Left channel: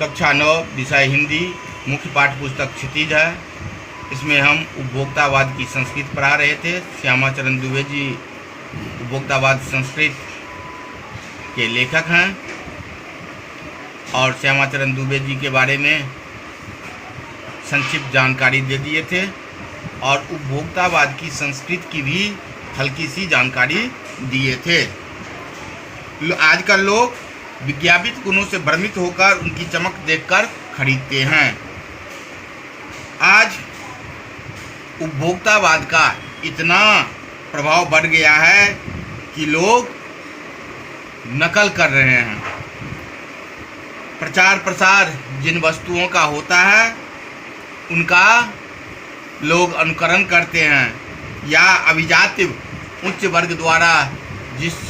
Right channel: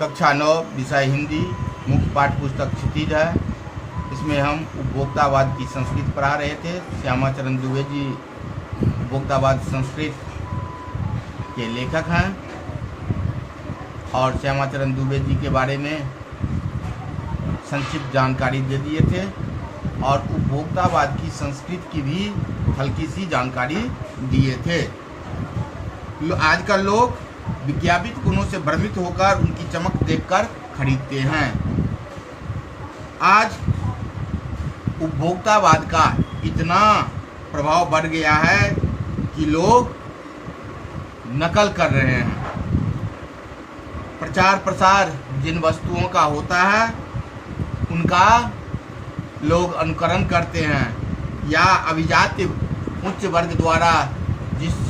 कक्षा 9 विषय हिंदी मुख्य पाठ्य पुस्तक क्षितिज है। इसमें हम उपभोक्तावाद की संस्कृति पढ़ा रहे थे। श्यामाचरण दुबे जी उपभोक्तावाद संस्कृत के लेखक हैं और श्यामाचरण दुबे जी के बारे में संक्षिप्त जानकारी दे दिए थे और उपभोक्तावाद की संस्कृति की भी हल्की सी जानकारी दिए थे। आजकल लोग विज्ञापित गुणों से भ्रमित होकर उनकी चमक देखकर खरीदते हैं। आज उपभोक्तावाद का इतना प्रभाव बढ़ गया है कि लोग नकल कर रहे हैं। प्रचार प्रसार जिन वस्तुओं का होता है उनका लोग अनुकरण करते हैं या अभिजात उच्च वर्ग द्वारा जिस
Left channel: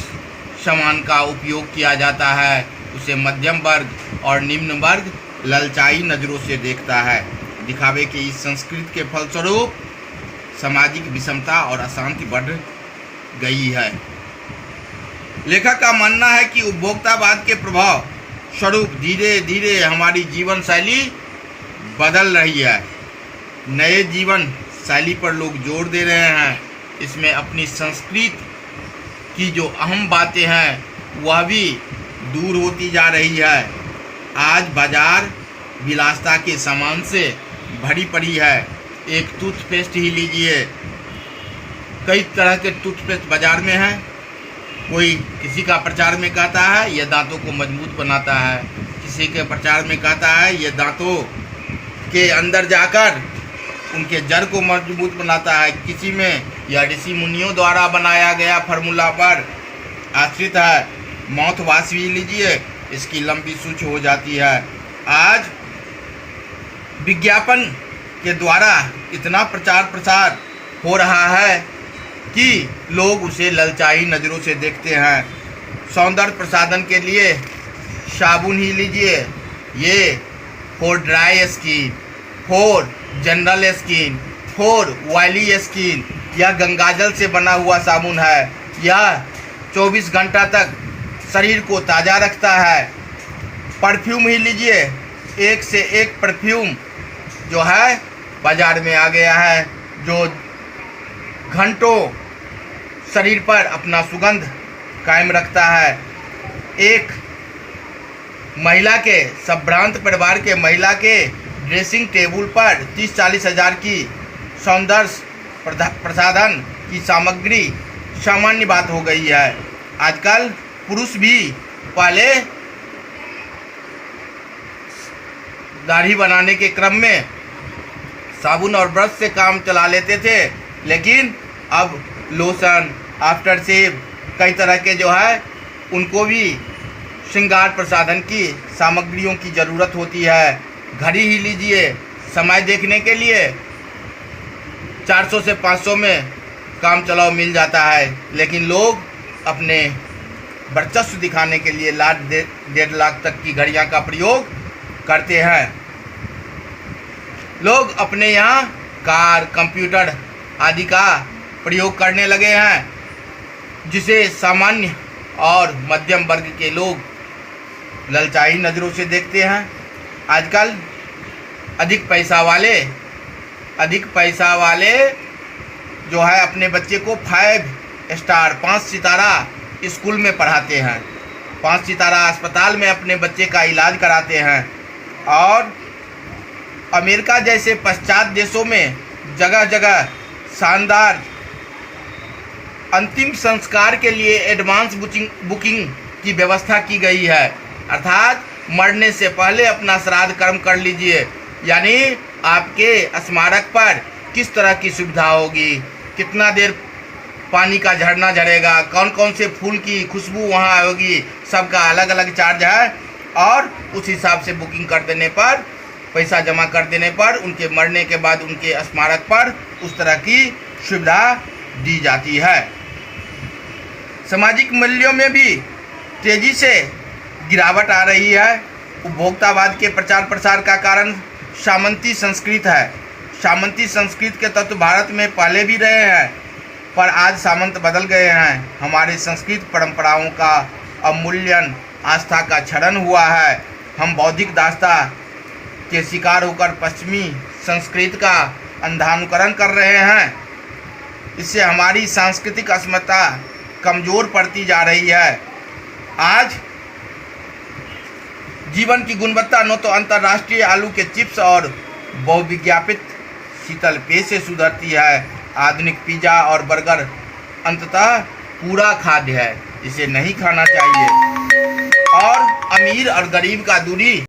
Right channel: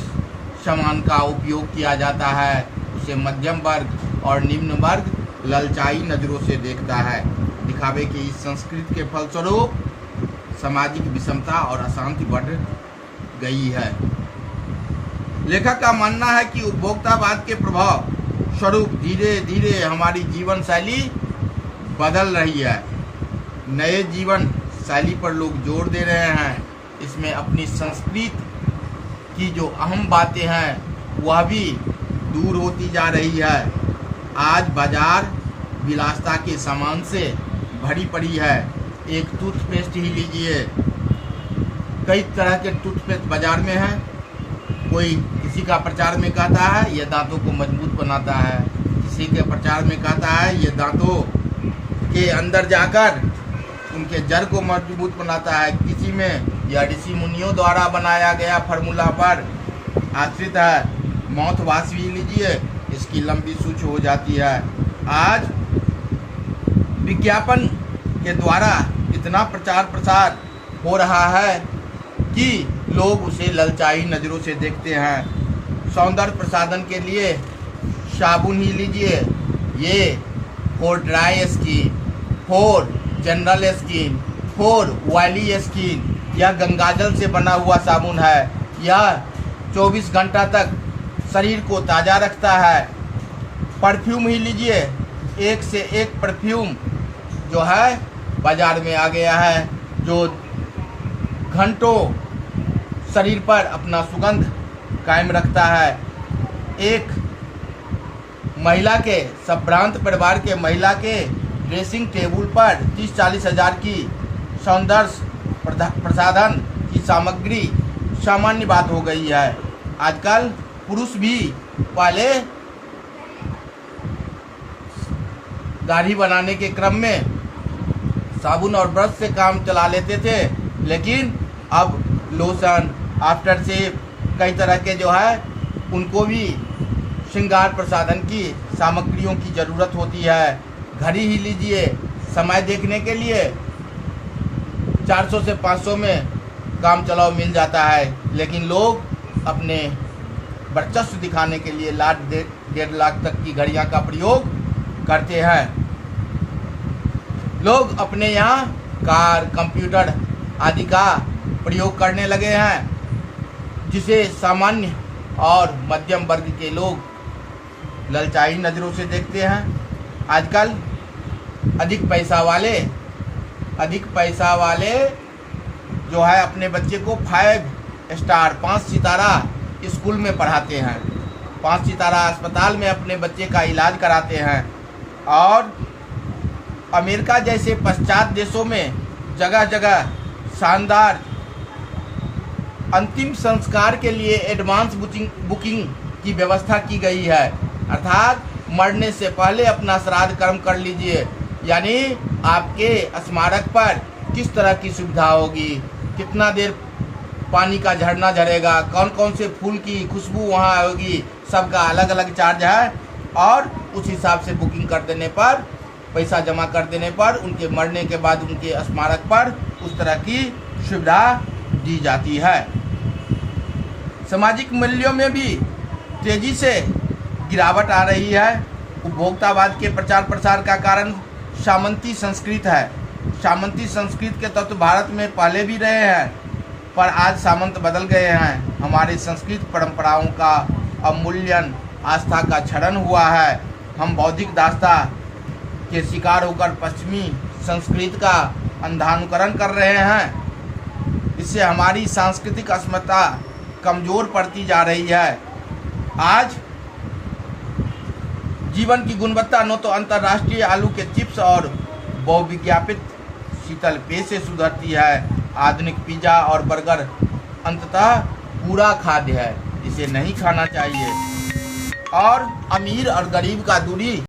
सामान का उपयोग किया जाता है उसे मध्यम वर्ग और निम्न वर्ग ललचाई नज़रों से देखता है। दिखावे की इस संस्कृति के फलस्वरूप सामाजिक विषमता और अशांति बढ़ गई है। लेखक का मानना है कि उपभोक्तावाद के प्रभाव स्वरूप धीरे धीरे हमारी जीवन शैली बदल रही है। नए जीवन शैली पर लोग जोर दे रहे हैं। इसमें अपनी संस्कृति की जो अहम बातें हैं वह भी दूर होती जा रही है। आज बाजार विलासिता के सामान से भरी पड़ी है। एक टूथपेस्ट ही लीजिए, कई तरह के टूथपेस्ट बाजार में हैं। कोई किसी का प्रचार में कहता है यह दांतों को मजबूत बनाता है, किसी के प्रचार में कहता है यह दांतों के अंदर जाकर उनके जड़ को मजबूत बनाता है। किसी में यह ऋषि मुनियों द्वारा बनाया गया फार्मूला पर आश्रित है। माउथ वॉश भी लीजिए, इसकी लंबी सूच हो जाती है। आज विज्ञापन के द्वारा इतना प्रचार प्रसार हो रहा है कि लोग उसे ललचाई नज़रों से देखते हैं। सौंदर्य प्रसाधन के लिए साबुन ही लीजिए, ये for dry skin, for general skin, for oily skin, यह गंगाजल से बना हुआ साबुन है। यह 24 घंटा तक शरीर को ताज़ा रखता है। परफ्यूम ही लीजिए, एक से एक परफ्यूम जो है बाज़ार में आ गया है, जो घंटों शरीर पर अपना सुगंध कायम रखता है। एक महिला के संभ्रांत परिवार के महिला के ड्रेसिंग टेबल पर 30-40 हज़ार की सौंदर्य प्रसाधन की सामग्री सामान्य बात हो गई है। आजकल पुरुष भी पहले दाढ़ी बनाने के क्रम में साबुन और ब्रश से काम चला लेते थे, लेकिन अब लोशन, आफ्टर शेव, कई तरह के जो है उनको भी श्रृंगार प्रसाधन की सामग्रियों की ज़रूरत होती है। घड़ी ही लीजिए, समय देखने के लिए 400 से 500 में काम चलाओ मिल जाता है, लेकिन लोग अपने वर्चस्व दिखाने के लिए लाख 1.5 लाख तक की घड़ियां का प्रयोग करते हैं। लोग अपने यहाँ कार, कंप्यूटर आदि का प्रयोग करने लगे हैं, जिसे सामान्य और मध्यम वर्ग के लोग ललचाई नज़रों से देखते हैं। आजकल अधिक पैसा वाले जो है अपने बच्चे को 5 स्टार 5 सितारा स्कूल में पढ़ाते हैं, 5 सितारा अस्पताल में अपने बच्चे का इलाज कराते हैं और अमेरिका जैसे पश्चात देशों में जगह जगह शानदार अंतिम संस्कार के लिए एडवांस बुकिंग की व्यवस्था की गई है। अर्थात मरने से पहले अपना श्राद्ध कर्म कर लीजिए, यानी आपके स्मारक पर किस तरह की सुविधा होगी, कितना देर पानी का झरना झरेगा, कौन कौन से फूल की खुशबू वहाँ होगी, सबका अलग अलग चार्ज है और उस हिसाब से बुकिंग कर देने पर, पैसा जमा कर देने पर उनके मरने के बाद उनके स्मारक पर उस तरह की सुविधा दी जाती है। सामाजिक मूल्यों में भी तेज़ी से गिरावट आ रही है। उपभोक्तावाद के प्रचार प्रसार का कारण सामंती संस्कृति है। सामंती संस्कृति के तत्व भारत में पहले भी रहे हैं, पर आज सामंत बदल गए हैं। हमारे संस्कृत परंपराओं का अवमूल्यन, आस्था का क्षरण हुआ है। हम बौद्धिक दास्ता के शिकार होकर पश्चिमी संस्कृति का अंधानुकरण कर रहे हैं। इससे हमारी सांस्कृतिक अस्मिता कमज़ोर पड़ती जा रही है। आज जीवन की गुणवत्ता न तो अंतर्राष्ट्रीय आलू के चिप्स और बहुविज्ञापित शीतल पेय से सुधरती है। आधुनिक पिज़्ज़ा और बर्गर अंततः पूरा खाद्य है, इसे नहीं खाना चाहिए। और अमीर और गरीब का दूरी